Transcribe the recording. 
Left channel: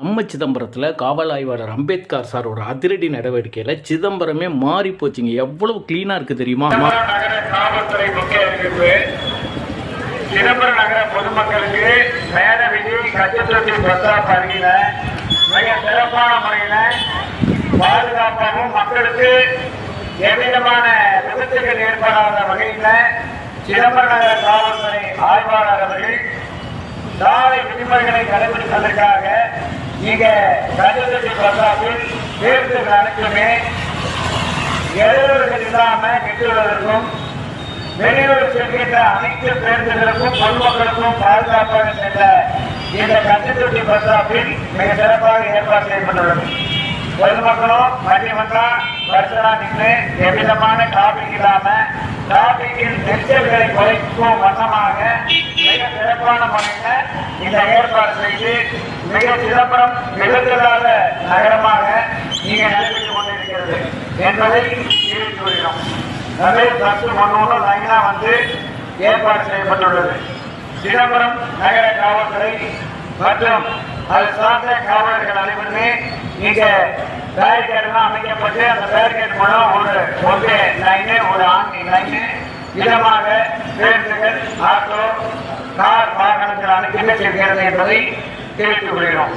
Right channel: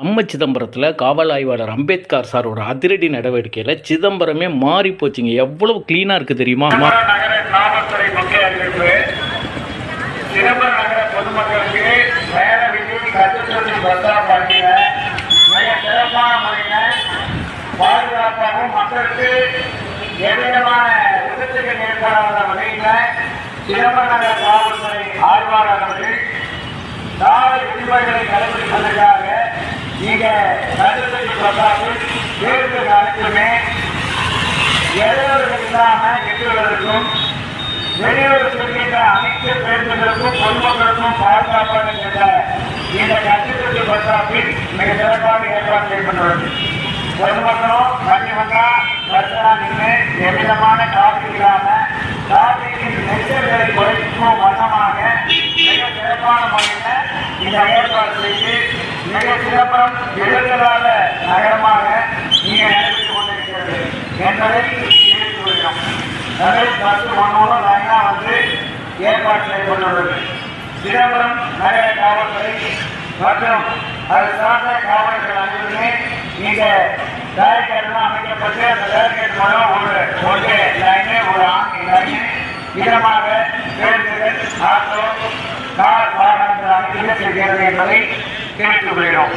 நம்ம சிதம்பரத்தில் காவல் ஆய்வாளர் அம்பேத்கர் சாரோட அதிரடி நடவடிக்கையில் சிதம்பரமே மாறி போச்சுங்க. எவ்வளவு கிளீனாக இருக்குது தெரியுமா? சிதம்பரம் நகர பொதுமக்களுக்கு மேல விதி கட்டுத்தொட்டி பத்தா பகுதியில மிக சிறப்பான முறையில பாதுகாப்பாகவும் மக்களுக்கு எவ்விதமான விபத்துகள் ஏற்படாத வகையில் சிதம்பரம் நகர காவல்துறை ஆய்வாளர் அவர்கள் சாலை விதிமுறைகளை கடைபிடிப்பதற்காக இங்க கட்டுத்தொட்டி பத்தாவில் பேருந்து அனைத்துமே இடையூறுகள் இல்லாம எட்டுவதற்கும் வெளியூர் செல்கின்ற அனைத்து பேருந்துகளுக்கும் பொதுமக்களுக்கும் பாதுகாப்பாக சென்ற இந்த கட்டுக்குட்டி பஸ் மிக சிறப்பாக ஏற்பாடு செய்யப்பட்டுள்ளது. பொதுமக்களும் வண்டி வந்தா வருஷனா நின்று எவ்விதமான டிராபிக் இல்லாம டிராபிக்கின் சிறப்பான முறையில் இந்த ஏற்பாடு செய்து மிக சிறப்புறம் எழுதலாத நகரமாக நீங்க நடைபெற்றுக் கொண்டிருக்கிறது என்பதை தெரிவித்து வருகிறோம் நிறைய பஸ் ஒன்று லைனா வந்து ஏற்பாடு செய்யப்பட்டுள்ளது. சிதம்பரம் நகர காவல்துறை மற்றும் அது சார்ந்த காவலர்கள் அனைவருமே இங்க பேரிகேட்லாம் அமைக்கப்பட்டு அந்த பேரிகேட் மூலம் ஒரு ஒன்று லைனு ஒரு ஆணி லைனு இதமாக பேருந்துகள் ஆட்டோ கார் வாகனங்கள் அனுப்பி செய்கிறது என்பதை தெரிவித்துக் கொள்கிறோம்.